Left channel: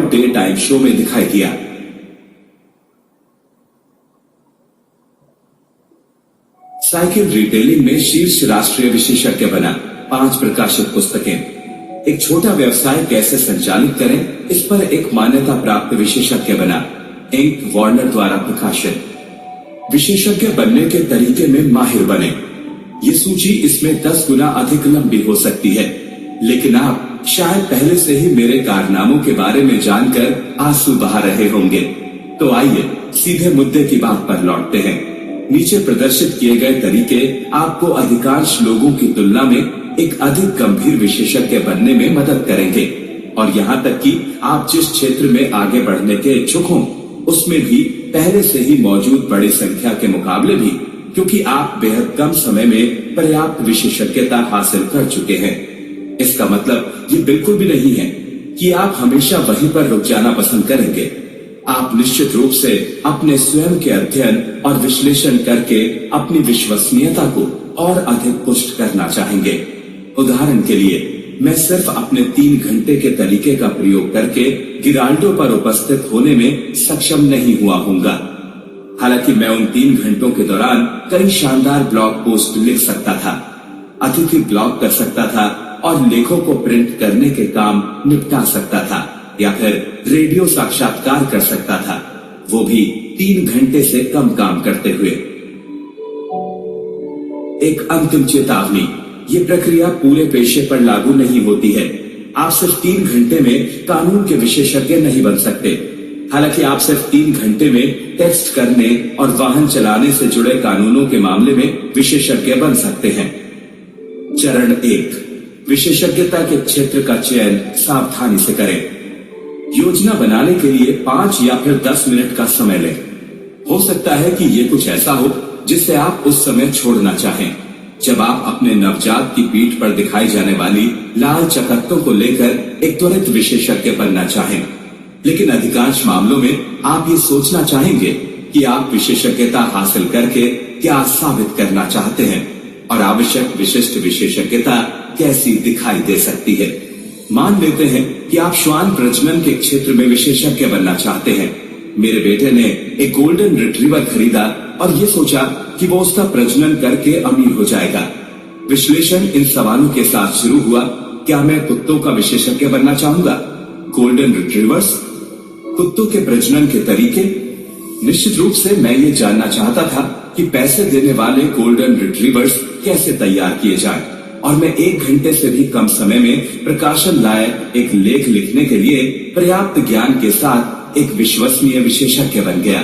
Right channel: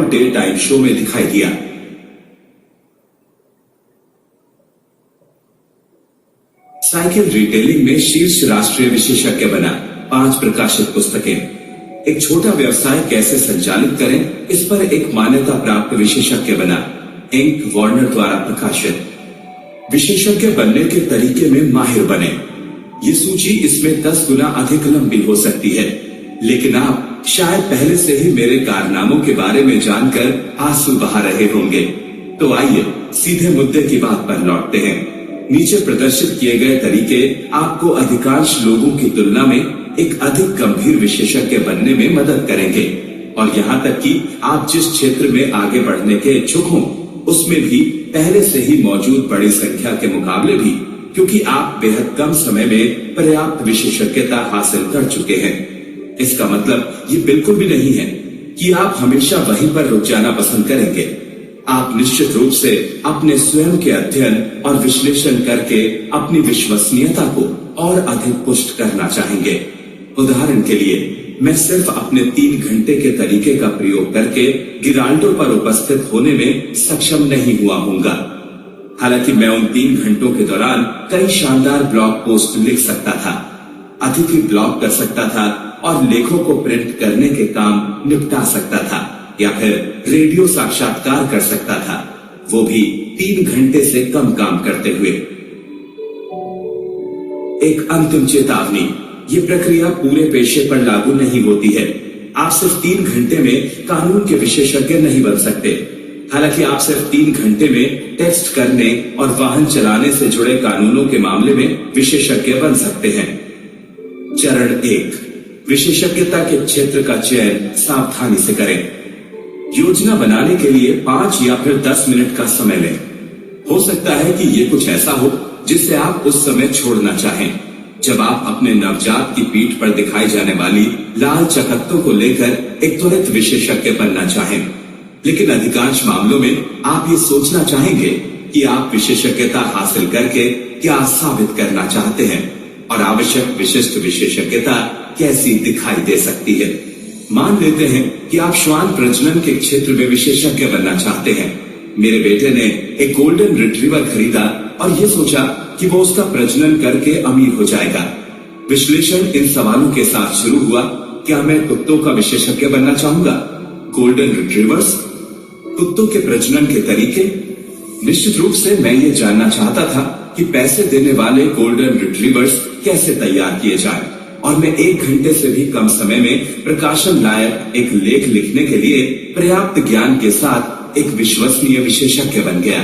Day time show में दिखाई दिया। साइकिल रिटेलिंग में शीर्ष राष्ट्रीय विशेषज्ञ बना, 5 प्रकाशित पुस्तकें। एक छोटा व्यवसाय कैसे संचालित करें, इस पर एक मान्यता प्राप्त विशेषज्ञ बना, इंक वार्नर द्वारा प्रकाशित। विशेषज्ञ बनने के तरीके में माहिर बने। ये सूची इसमें 10 गुना अधिक लंबी हो सकती है, लेकिन आप शायद पहले से ही मेरे कारनामों के बारे में जानकर आंसू बहा रहे होंगे। तो आइए सीधे मुद्दे की बात पर लौटते हैं। नीचे प्रदर्शित किए गए तरीके आपको अधिकांश लोगों की तुलना में एक अधिक गंभीर विशेषज्ञ बनने में मदद करेंगे, और यहाँ तक कि आप जिस क्षेत्र में आगे बढ़ने के इच्छुक हों, उसमें भी पहले से ही मौजूद बड़ी संख्या के मुकाबले भी, क्योंकि आप बेहद कम समय में पर्याप्त विशेषज्ञता हासिल कर चुके हैं। इसका मतलब ये बिल्कुल भी नहीं है कि आप हमेशा वहीं पर रुक जाना पसंद करेंगे। आप निश्चित रूप से अपने स्वयं के अध्ययन और विश्लेषण करके अपनी विश्वसनीयता को और अधिक पुष्ट करना चाहेंगे। उदाहरण के लिए, मैं सिर्फ अपने 3 घंटे के तरीके का प्रयोग करके गिराल्डो पर उपस्थित होने में सक्षम नहीं हुआ हूंगा। हालांकि मैं उन 3 घंटों के दौरान कई शानदार ब्लॉग पोस्ट लिख सकता था, अतिथि ब्लॉग कर सकता था और लेखों को प्रिंट करने के काम निपटा सकता था, या फिर रेडियो साक्षात्कार कर सकता था, वो भी 3 घंटे से कम काम करते हुए। एक अंतिम चेतावनी, ये प्रक्रिया पूरे पेशे पर लागू नहीं होती है। आप सिर्फ 3 घंटे में कानून के विशेषज्ञ नहीं बन सकते। हालांकि आप सिर्फ 3 घंटे में टेक्स्ट करने और वाहन चलाने से जुड़े कानूनों के मामले में विशेषज्ञ बन सकते हैं। चरण 1, विशेषज्ञता के क्षेत्र का चयन सावधानी से करें। योजना बनाने के लिए 5 या फिर 10 मिनट का समय लें। हो सकता है कि ये कुछ ऐसा हो जिसे आप उस समय छोड़ना चाहें, जब आप अपने नवजात की पीठ पर दिखाई जाने वाली लाल चकत्तों को लेकर एक त्वरित विशेषज्ञ बनना चाहें। लेकिन अधिकांश मामलों में आप ये सोचना चाहेंगे कि आप विशेषज्ञता हासिल करके क्या साबित करना चाहते हैं और आवश्यक विशिष्ट विशेषज्ञता कैसी दिखाई दे सकती है। मान लेते हैं कि आप श्वान प्रजनन के क्षेत्र में विशेषज्ञ बनना चाहते हैं। मेरे बेटे ने एक गोल्डन रिट्रीवर खरीदा और ये सोचा कि वो उसका प्रजनन करके अमीर हो जाएगा। विश्लेषण इन सवालों के साथ शुरू हुआ, क्या मैं कुत्तों का विशेषज्ञ बनना चाहूंगा? गोल्डन रिट्रीवर्स, कुत्तों के प्रजनन के तरीके। निश्चित रूप से मैं ये जानना चाहता था कि पैसे देने वाले गोल्डन रिट्रीवर्स कैसे तैयार किए जाएं, और मैं 1 घंटे से भी कम समय में प्रकाशन लायक एक लेख लिखने के लिए पर्याप्त ज्ञान के साथ एक विश्वसनीय विशेषज्ञ बन गया।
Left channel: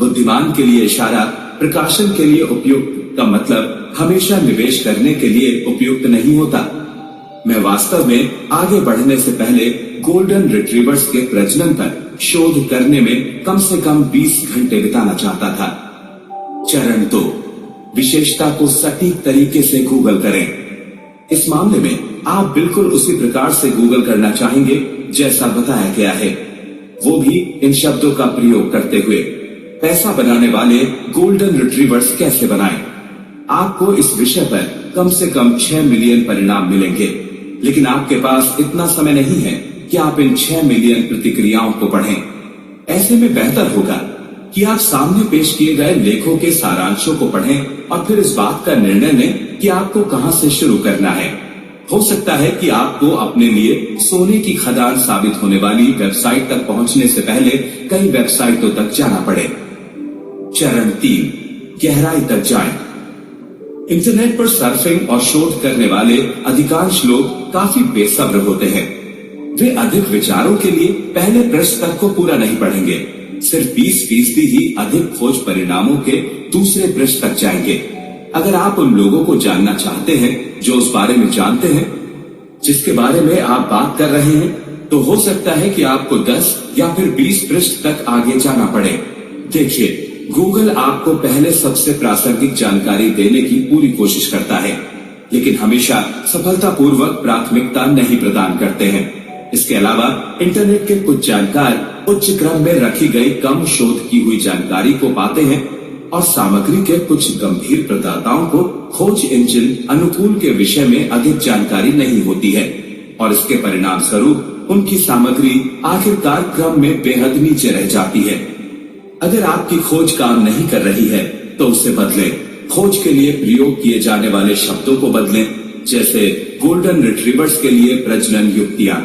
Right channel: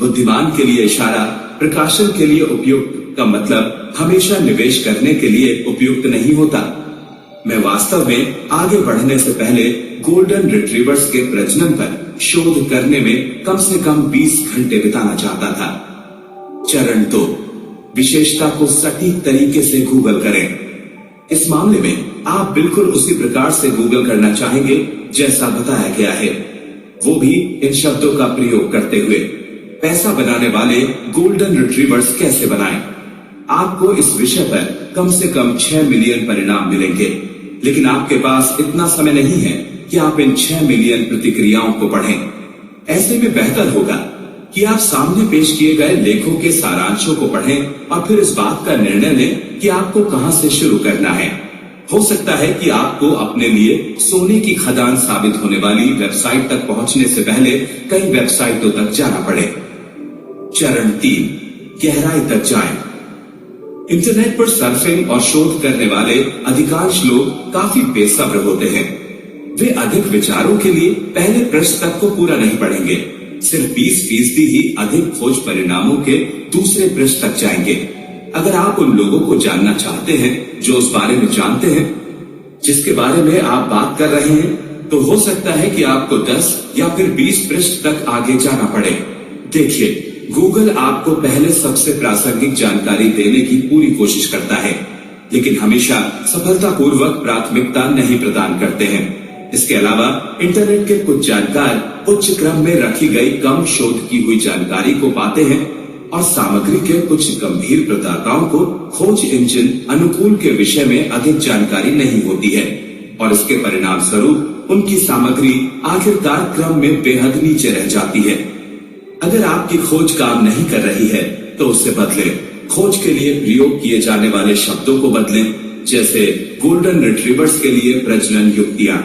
बुद्धिमान के लिए इशारा प्रकाशन के लिए उपयुक्त का मतलब हमेशा निवेश करने के लिए उपयुक्त नहीं होता। मैं वास्तव में आगे बढ़ने से पहले गोल्डन रिट्रीवर्स के प्रजनन पर शोध करने में कम से कम 20 घंटे बिताना चाहता था। चरण 2, विशेषता को सटीक तरीके से गूगल करें। इस मामले में आप बिल्कुल उसी प्रकार से गूगल करना चाहेंगे जैसा बताया गया है, वो भी इन शब्दों का प्रयोग करते हुए। पैसा बनाने वाले गोल्डन रिट्रीवर्स कैसे बनाएं? आपको इस विषय पर कम से कम 6 मिलियन परिणाम मिलेंगे, लेकिन आपके पास इतना समय नहीं है कि आप इन 6 मिलियन प्रतिक्रियाओं को पढ़ें। ऐसे में बेहतर होगा कि आप सामने पेश किए गए लेखों के सारांशों को पढ़ें और फिर इस बात का निर्णय लें कि आपको कहां से शुरू करना है। हो सकता है कि आपको अपने लिए सोने की खदान साबित होने वाली वेबसाइट तक पहुंचने से पहले कई वेबसाइटों तक जाना पड़े। चरण 3, गहराई तक जाएं। इंटरनेट पर सर्फिंग और शोध करने वाले अधिकांश लोग काफी बेसब्र होते हैं। वे अधिक विचारों के लिए पहले पृष्ठ तक को पूरा नहीं पढ़ेंगे, सिर्फ 20% ही अधिक खोज परिणामों के दूसरे पृष्ठ तक जाएंगे। अगर आप उन लोगों को जानना चाहते हैं जो उस बारे में जानते हैं जिसके बारे में आप बात कर रहे हैं, तो हो सकता है कि आपको 10 या फिर 20 पृष्ठ तक आगे जाना पड़े। देखिए, गूगल आपको पहले सबसे प्रासंगिक जानकारी देने की पूरी कोशिश करता है, लेकिन हमेशा सफलतापूर्वक प्राथमिकता नहीं प्रदान करते हैं। इसके अलावा इंटरनेट के कुछ जानकार उच्च क्रम में रखी गई कम शोध की हुई जानकारी को पाते हैं, और सामग्री के कुछ गंभीर प्रदाताओं को खोज इंजन अनुकूल के विषय में अधिक जानकारी नहीं होती है, और इसके परिणाम स्वरूप उनकी सामग्री आखिरकार क्रम में बेहद नीचे रह जाती है। अगर आपकी खोज काम नहीं कर रही है तो उसे बदलें। खोज के लिए प्रयोग किए जाने वाले शब्दों को बदलें, जैसे गोल्डन रिट्रीवर्स के लिए प्रजनन युक्तियां।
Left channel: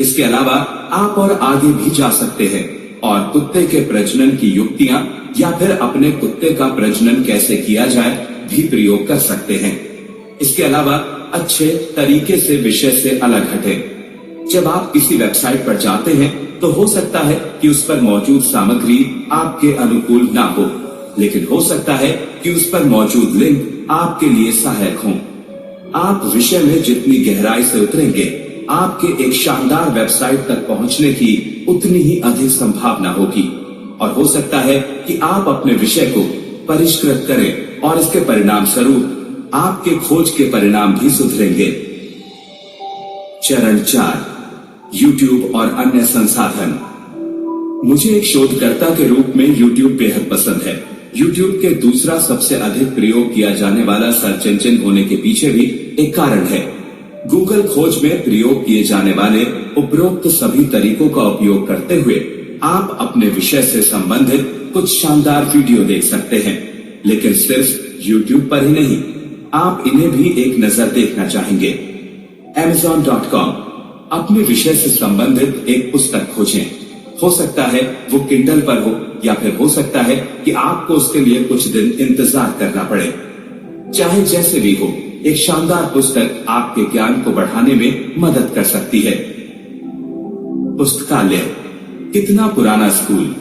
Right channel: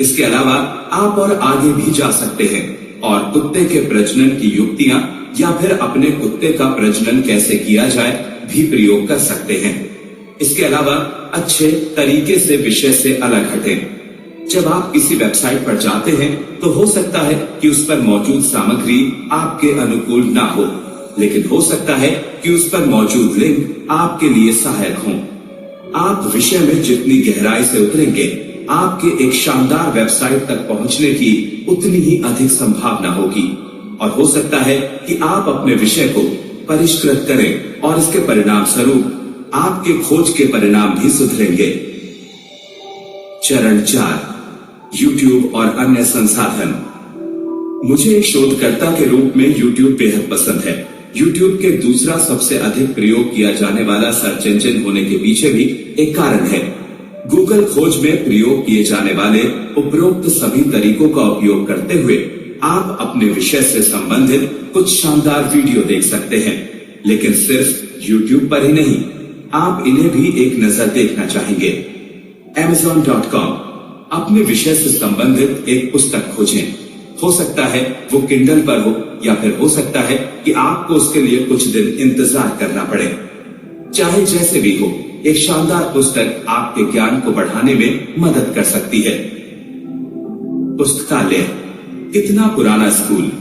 इसके अलावा आप और आगे भी जा सकते हैं और कुत्ते के प्रजनन की युक्तियां या फिर अपने कुत्ते का प्रजनन कैसे किया जाए भी प्रयोग कर सकते हैं। इसके अलावा अच्छे तरीके से विषय से अलग हटें। जब आप किसी वेबसाइट पर जाते हैं तो हो सकता है कि उस पर मौजूद सामग्री आपके अनुकूल ना हो, लेकिन हो सकता है कि उस पर मौजूद लिंक आपके लिए सहायक हों। आप विषय में जितनी गहराई से उतरेंगे, आपके एक शानदार वेबसाइट तक पहुंचने की उतनी ही अधिक संभावना होगी और हो सकता है कि आप अपने विषय को परिष्कृत करें और इसके परिणाम स्वरूप आपके खोज के परिणाम भी सुधरेंगे। चरण 4, YouTube और अन्य संसाधन। मुझे एक शोधकर्ता के रूप में YouTube बेहद पसंद है। YouTube के दूसरा सबसे अधिक प्रयोग किया जाने वाला सर्च इंजन होने के पीछे भी एक कारण है। गूगल खोज में प्रयोग किए जाने वाले उपरोक्त सभी तरीकों का उपयोग करते हुए आप अपने विषय से संबंधित कुछ शानदार वीडियो देख सकते हैं, लेकिन सिर्फ YouTube पर ही नहीं, आप इन्हें भी एक नजर देखना चाहेंगे। Amazon.com। अपने विषय से संबंधित एक पुस्तक खोजें। हो सकता है वो किंडल पर हो या फिर हो सकता है कि आपको उसके लिए कुछ दिन इंतजार करना पड़े। चाहे जैसे भी हो, एक शानदार पुस्तक आपके ज्ञान को बढ़ाने में मदद कर सकती है। पुस्तकालय। कितना पुराना स्कूल।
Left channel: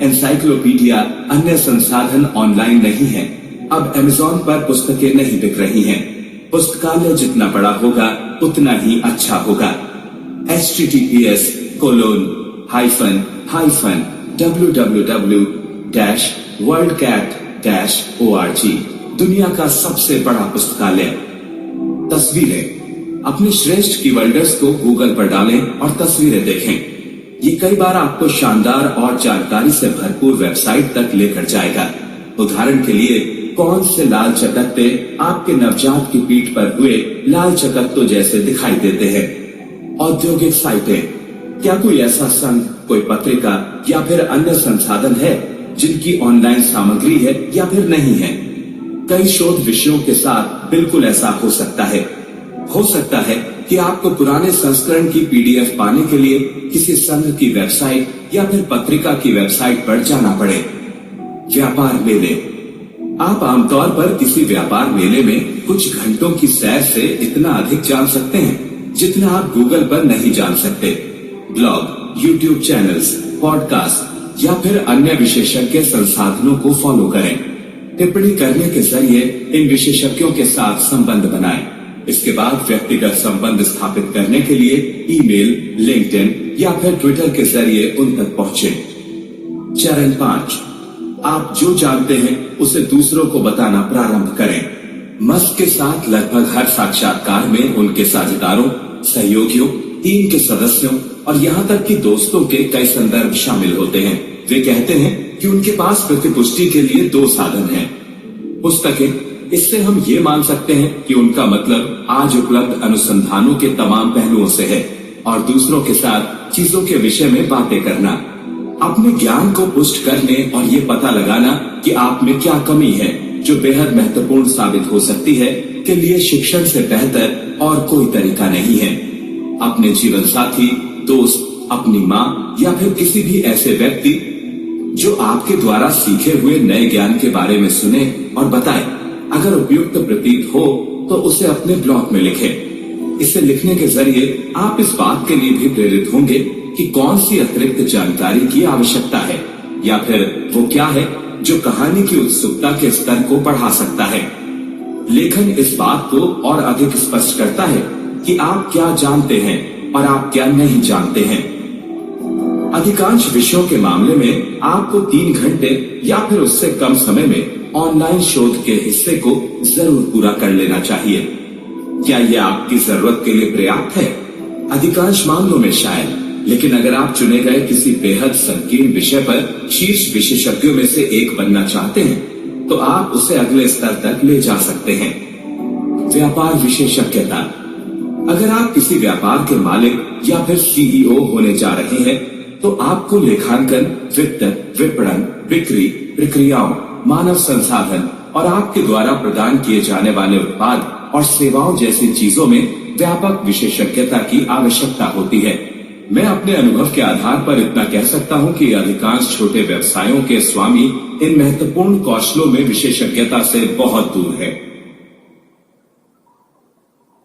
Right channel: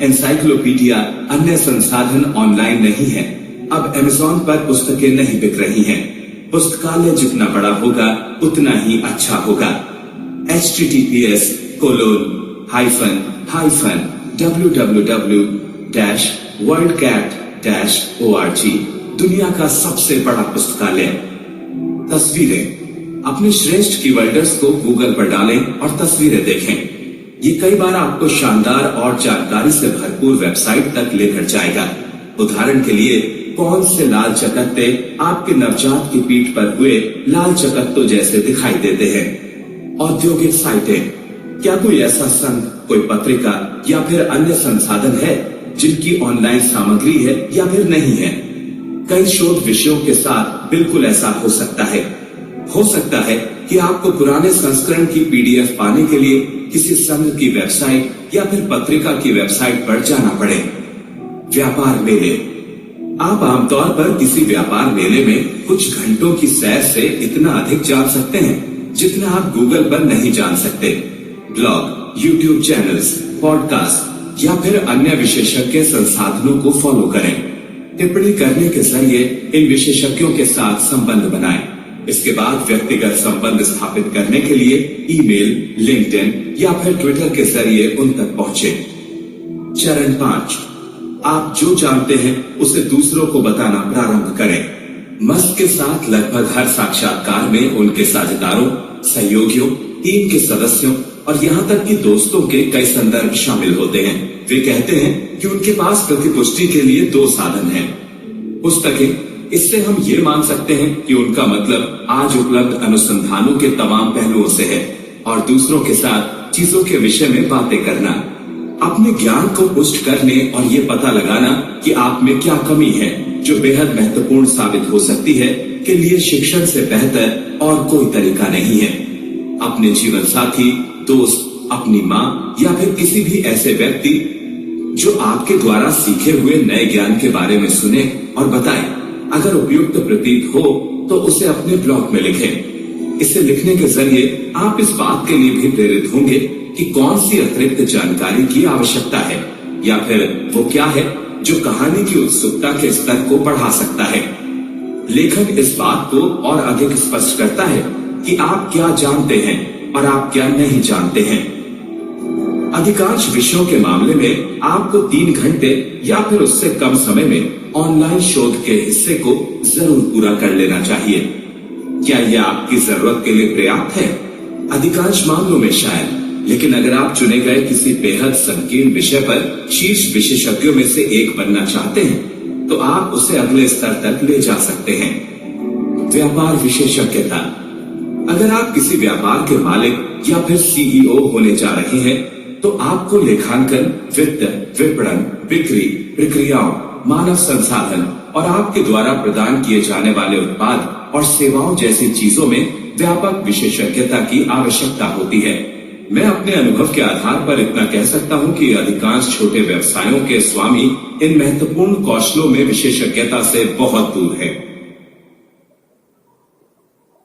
एनसाइक्लोपीडिया अन्य संसाधन ऑनलाइन नहीं है। अब Amazon पर पुस्तकें नहीं बिक रही हैं। पुस्तकालय जितना बड़ा होगा उतना ही अच्छा होगा। https://www-worldcat-org दुनिया का सबसे बड़ा पुस्तकालय। तस्वीरें। अपने श्रेष्ठ कीवर्ड्स को गूगल पर डालें और तस्वीरें देखें। ये कई बार आपको शानदार और जानकारी से भरपूर वेबसाइट तक लेकर जाएगा। उदाहरण के लिए, कौन से लाल चकत्ते आपके नवजात की पीठ पर हुए लाल चकत्तों जैसे दिखाई देते हैं। औद्योगिक साइटें। क्या कोई ऐसा संघ, कोई पत्रिका या फिर अन्य संसाधन है जिनकी ऑनलाइन सामग्री है या फिर नहीं है? कई शोध विषयों के साथ बिल्कुल ऐसा हो सकता है। हो सकता है कि आपको पुराने संस्करण की PDF पाने के लिए किसी संघ की वेबसाइट या फिर पत्रिका की वेबसाइट पर जाना पड़े। व्यापार मेले। आप आमतौर पर किसी व्यापार मेले में कुछ घंटों की सैर से इतना अधिक जान सकते हैं जितना आप गूगल पर नहीं जान सकते। ब्लॉग, YouTube चैनल्स, पॉडकास्ट या फिर अन्य विशेषज्ञ संसाधनों को फॉलो करें। टिप्पणी करने के जरिए इन विशेषज्ञों के साथ संबंध बनाएं। इसके बाद व्यक्तिगत संबंध स्थापित करने के लिए ईमेल, लिंक्डइन या फिर ट्विटर के जरिए उन तक पहुंचे। चरण 5, आप जो जानते हैं उसे दूसरों को बताना प्रारंभ करें। मस्क के साथ लगभग हर साक्षात्कार में उनके साझेदारों, सहयोगियों, टीम के सदस्यों और यहाँ तक कि दोस्तों के कई संदर्भ शामिल होते हैं। वे कहते हैं कि उनके पास प्रतिपुष्टि के लिए 2 साधन हैं। पुस्तकें। इससे हम ये मान सकते हैं कि उनका मतलब आज उपलब्ध अनुसंधानों के तमाम पहलुओं से है और दूसरों के साथ चीजों के विषय में बातें करना। अपने ज्ञान को पुष्ट करने और ये पता लगाना कि आप में क्या कमी है जो बेहद महत्वपूर्ण साबित हो सकती है के लिए शिक्षण से बेहतर और कोई तरीका नहीं है। अपने जीवन साथी, दोस्त, अपनी माँ या फिर किसी भी ऐसे व्यक्ति जो आपके द्वारा सीखे हुए नए ज्ञान के बारे में सुने और बताए। अगर उपयुक्त प्रतीत हो तो उसे अपने ब्लॉग में लिखें। इसे लिखने के जरिए आप इस बात के लिए भी प्रेरित होंगे कि कौन सी अतिरिक्त जानकारी की आवश्यकता है या फिर वो क्या है जो कहानी की उत्सुकता के स्तर को बढ़ा सकता है। लेखन इस बात को और अधिक स्पष्ट करता है कि आप क्या जानते हैं और आप क्या नहीं जानते हैं। अधिकांश विषयों के मामले में आपको 3 घंटे या फिर उससे कम समय में ऑनलाइन शोध के हिस्से को जरूर पूरा कर लेना चाहिए। क्या यह आपकी जरूरत के लिए पर्याप्त है? अधिकांश मामलों में शायद, लेकिन अगर आप चुने गए किसी बेहद संकीर्ण विषय पर शीर्ष विशेषज्ञों में से एक बनना चाहते हैं तो आप उसे अगले स्तर तक ले जा सकते हैं। व्यापार विशेषज्ञता। अगर आप किसी व्यापार के मालिक या फिर सीईओ होने जा रहे हैं तो आपको लेखांकन, वित्त, विपणन, बिक्री, प्रक्रियाओं, मानव संसाधन और आपके द्वारा प्रदान किए जाने वाले उत्पाद और सेवाओं जैसी चीजों में व्यापक विशेषज्ञता की आवश्यकता होती है। मैं अपने अनुभव के आधार पर इतना कह सकता हूं कि अधिकांश छोटे व्यवसायों के स्वामी इन महत्वपूर्ण कौशलों में विशेषज्ञता से बहुत दूर है।